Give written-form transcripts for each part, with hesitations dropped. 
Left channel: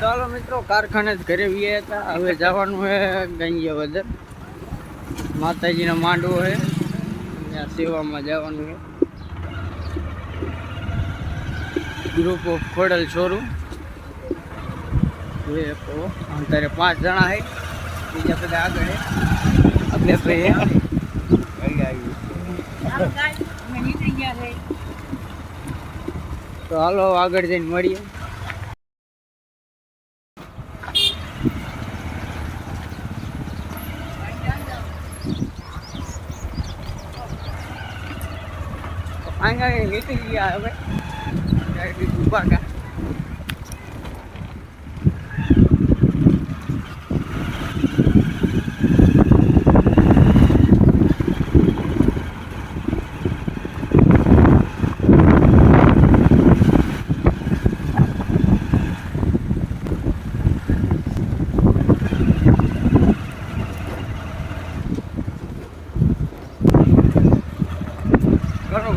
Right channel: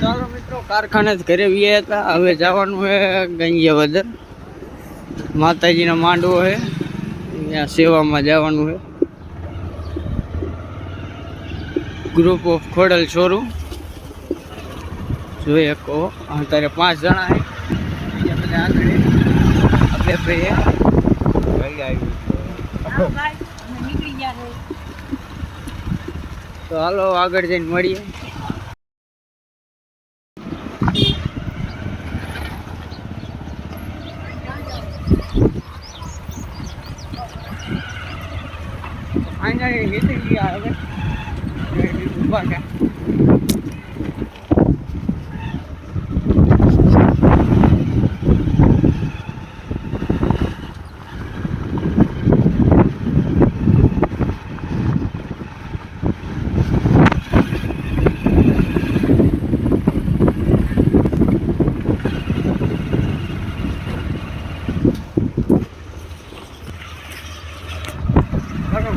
ચાલો મિત્રો, કારખાને જ ઘરે વ્યા હતા. હવે જવાનું છે ગંજિયાવદર. માતાજીનો માંડવો છે, ત્યાં સેવામાં જવાનું છે. ગ્રુપ ઓફ ખોડલ શોરૂમ જોઈએ કહો. અત્યારે 5 જણા છે, બીજા બધા આગળ આપણે ભાઈ તો હાલો આગળ જઈને મળીએ. ફાઇનલી નીકળી ગયા હવે ઊભા કા.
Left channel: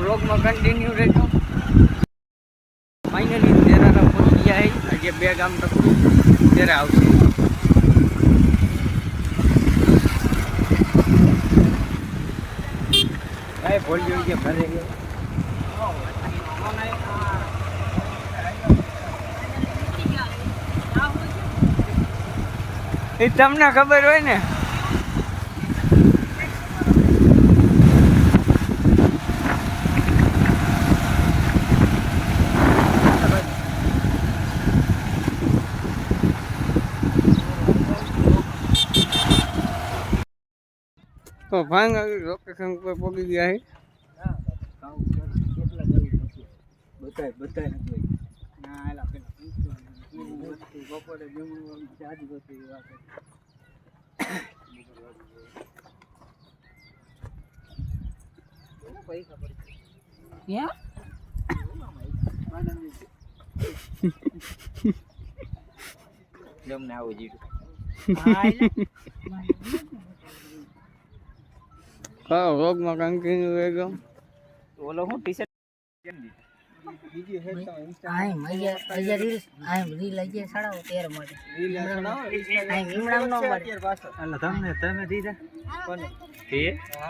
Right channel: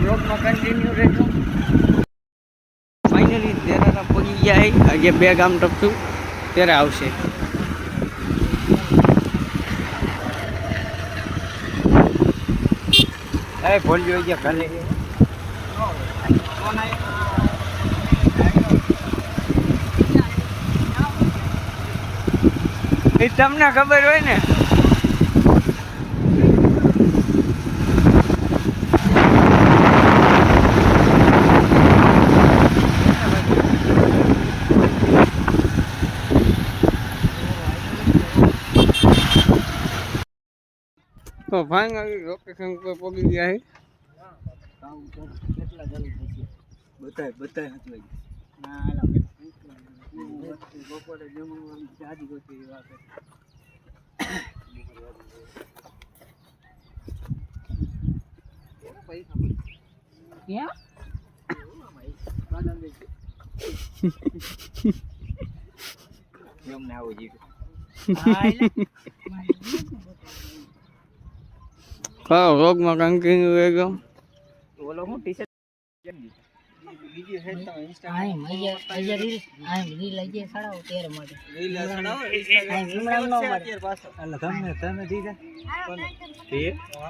બ્લોગમાં કન્ટિન્યુ રહેજો. ફાઇનલી તેરા પહોંચી ગયા છે. આજે 2 ગામ ટપટું તેરા આવશે. અરે ભૂલ્યો ગયા ભલે એ તમને ખબર હોય ને. તો ફાઇનલી લોકેશન પર પહોંચી ગયા છે. હા, રોગમાં કન્ટિન્યુ રહી ગયો. ઓલો હું ટી-શર્ટ કેમ દીધું બીજી હે તો ઇન્સ્ટા આય મજા રીલ આય રીલ લઈ જાય સડાવો 13 માટે રીલ સડાવો આય વિમણામ નો પડે પાછો. અલ્લા તમે દીધા કોને એ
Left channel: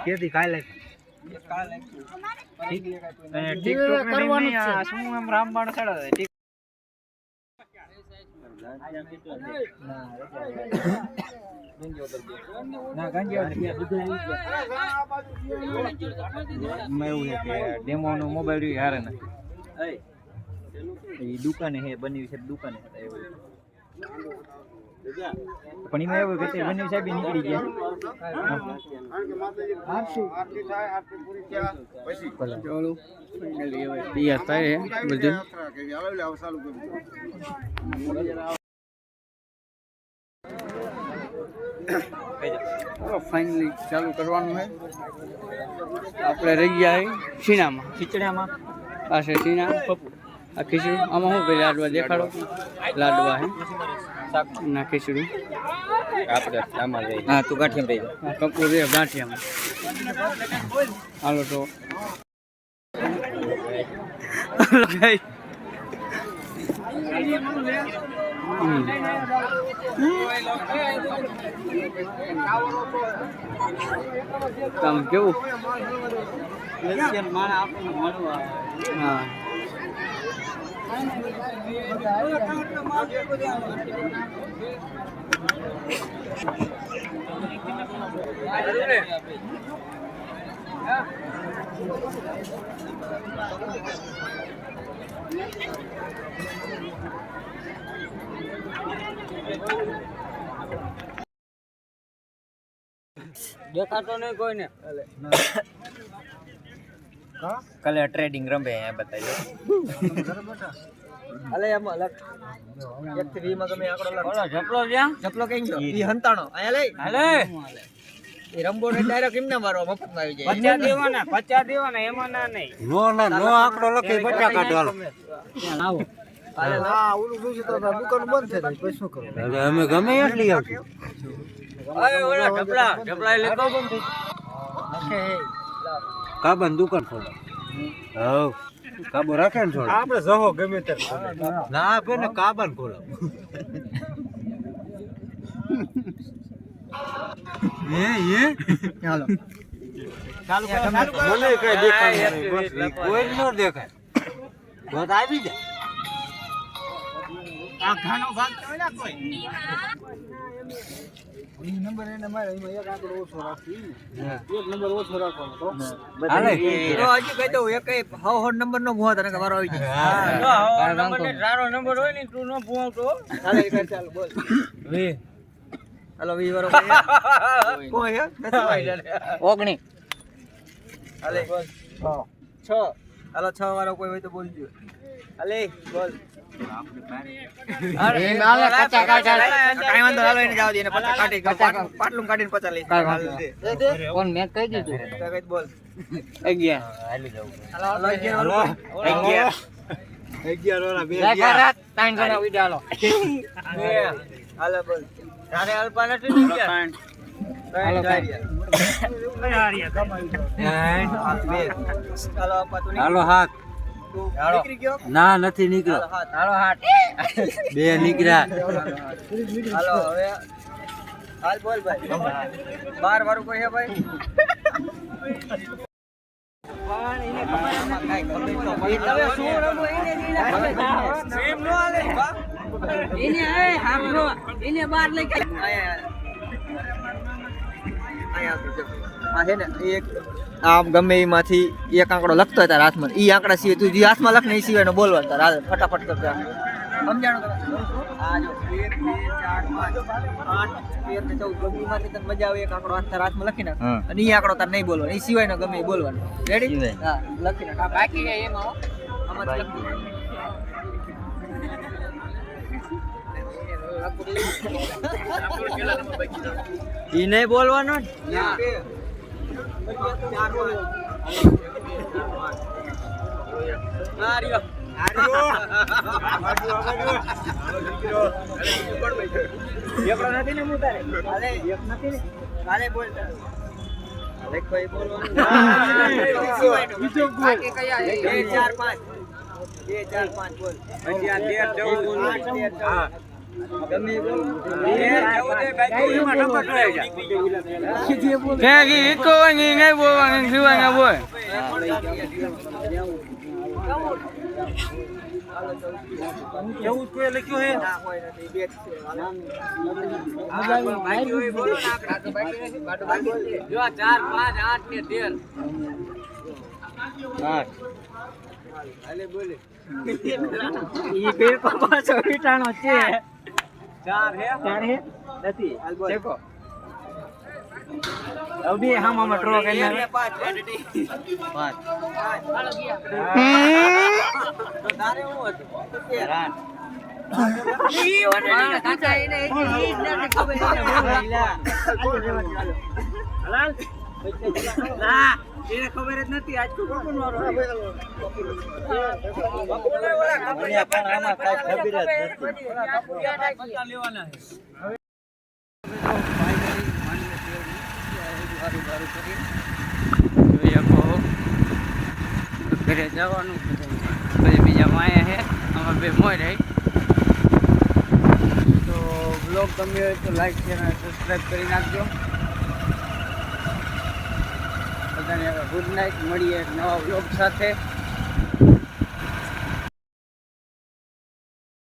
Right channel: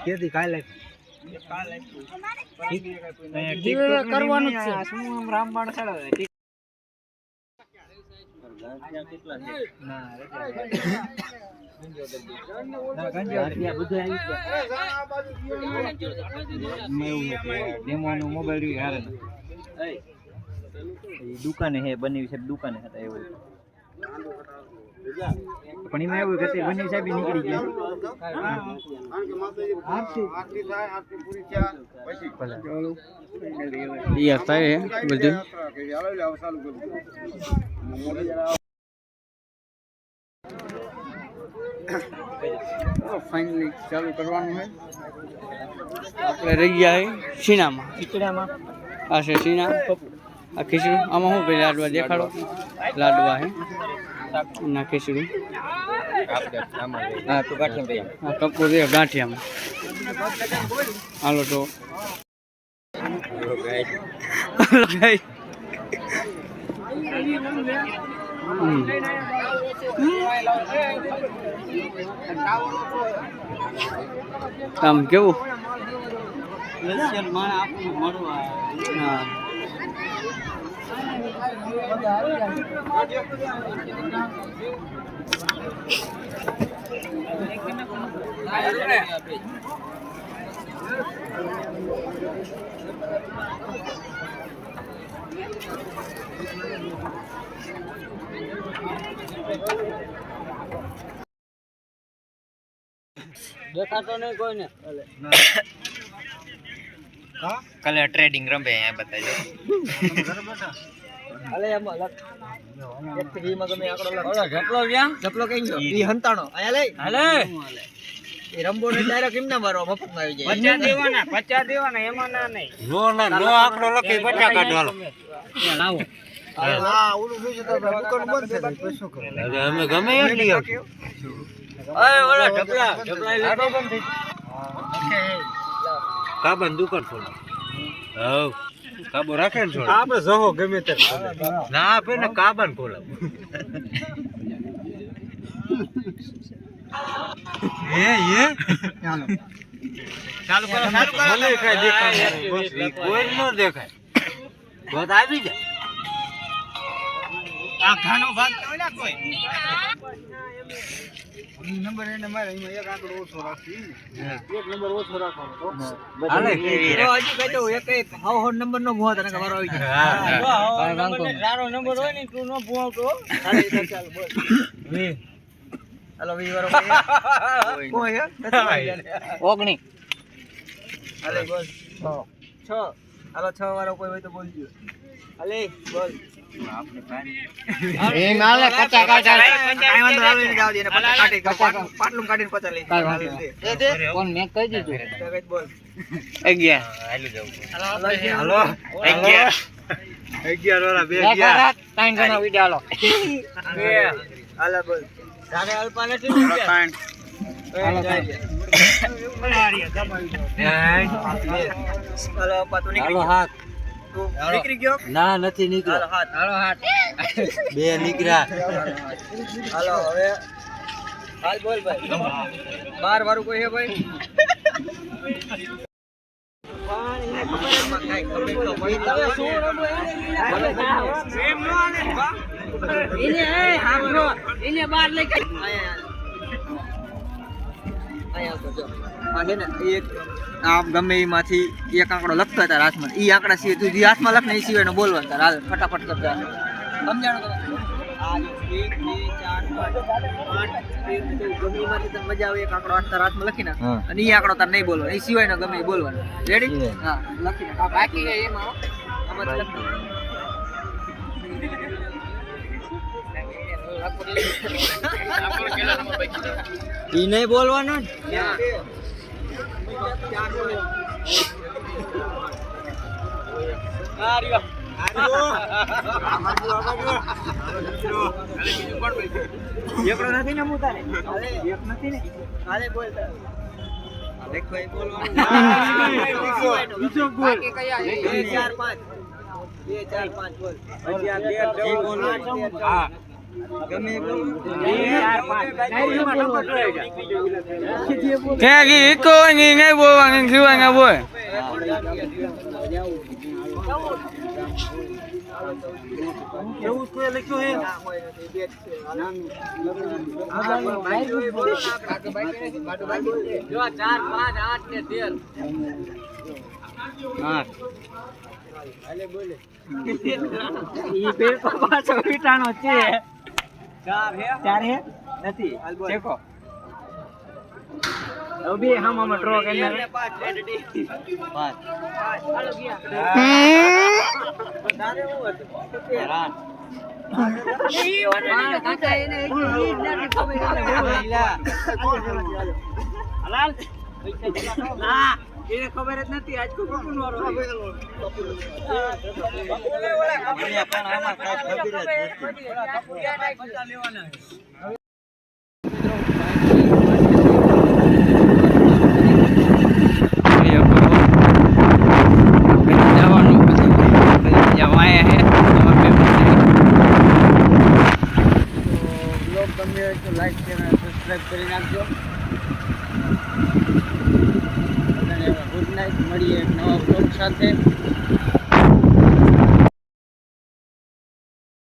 કેદી કાલે ટિકટોક કરવાનું છે. શું આમ રામબાણ સડાવે ડેમો નો મોબાઈલ હારે ને દુકાને હે બની છે દુકાને હતા એવું. પણ એમાં એવું કે બની સાહેબ નીકળી ગયા. ફાઇનલી ચાલુ કરવાનું છે. આપણે રહી ગયા છે સીણામાં ખીચડામાં. આ છે સીણા આ ખીચડું. આમાં શું ભાઈ લાડવા દેખાડો. લાડવા હે ના ખીચડું. હા તું ગાંઠિયામાં હા કપૂર રે ગાંઠિયામાં. હાલો તો કામ કેવું માણસ આપણને મળવા. હા દેખાતો નહીં કોઈને. કલર ટ્રેડિંગ રમે બતાજો. અલે એમ અલગ એક થી માં ગમે આકડો લખ. જપલો ક્યાં જપલો કઈ ગયો ઈ હંતાણો આયા લે હાલે એ રંબો ને ડાયરેક્ટ એમને મારવા મફત માં આવી જાય. 50 દેવાના એમાં ના નહીં નો આકડો લખી 50 કાઢો લાવો. હા ઓલું બીજું તો દુકાન બંધ થઈ ગઈ શું કરું હવે અમે ગમે યાર લઈ આવશું. ઓય ઓલા ઢપલા લેતો બંધ થઈ ઓકે કા બંધ દુકાન ખોલો. હવ કાબો રાખે ને થોડો આપણે જહો ગમે તે ના આપે ને કાબાન ખોલાવ ચાલો ચાલુ કરો મને કઈ દેખાય કોઈ ન દેખાય વાત આવી જાય આ ઘાનો ભાગ તો ના કોઈ નંબર એને મારે એમાં એક આંકડો ઓછો રાખી એક નંબર ઓછો રાખવાનો તો હાલે હજી કહી દઉં એક હાવ નંબર નો ભૂવા તને મારો આવી જાય હા નંબર સારો નંબર હોય ને તું નો ભૂવાતો હાલે ચાલ બોલ વી હાલો વી વાળો કોઈ હે ઓગણી હાલે બોલ 6 હાલો 6 વાળો કોઈ હોય તો બોલજો હાલે બોલ અરે ગાલે કચા કાઢા કાઈ વાંધો હાલો એને જાવ દે ને પચા કાઢી પાટલું કાઢીને પચા લઈ દે દે કોણ મેં કહી દીધું કઈ બોલ 11 હાલી જાવ હાલો 11 વાળા બે ગયા ત્રણ ગણા વિડિયો હાલો હાલો બોલ રાગે અલ્પા નથી ત્રણ હાલો હાલો હાથ નીકળી ગયો ના નથી નીકળ્યો હાલો હાથ બે નીકળ્યા હાલો હવે હાલ બોલ ભાઈ 12 વાળું કોઈ હે ભાઈ આમ ગમે એમાંથી એક આંકડો લખતો હોય તારા હાથમાં ઈ આંકડા સિવાય તું જે હાથમાં લખ ને એ સિવાય બોલવાનું તારા ફટાફટ કરતા સમજાણો તને આ જો 1 2 4 5 8 13 14 ગમે એમાંથી તને મજા આવે એક આંકડો તારા હાથમાં લખી નાખ અને ઈ આંકડો તારે નહીં બોલવાનો એ સિવાય ના ગમે એ બોલવાનું રેડી હા લખી નાખ બાકી એમાં આમાં લખી ઈ નહીં બોલવાનું નથી ને હું તારે એક નથી ને કાલે બોલતા એક ભાઈ બોલવાનું બીજો બોલ 2 4 5 બોલ હા ગમે તો નહીં બોલવાનું જીવાના બોલ કેવું કોઈ લખ્યું હે ના કોઈ નથી બેટ છે જો 4 5 8 ને 13 હાલે બોલે ઈ બે પાછો પીટાણો છે 4 હે નથી હાલ બોલ દેખો અભી હમ ડ્રો કરી 5 હાલો ગયા તારે હું હતું હેરાન ઈ ઓને કાકા એને ઈ નથી ખબર હલાલ ના એને ખબર જ નથી આજ કોણ વારો મને પણ આમાં કાઈ ખબર જ નથી લેવાના ગમે હોય તો લાઈક શેર અને સબસ્ક્રાઈબ કરી નાખજો બધાને ગુડ નાઇટ મળીએ એક નવા બ્લોગ સાથે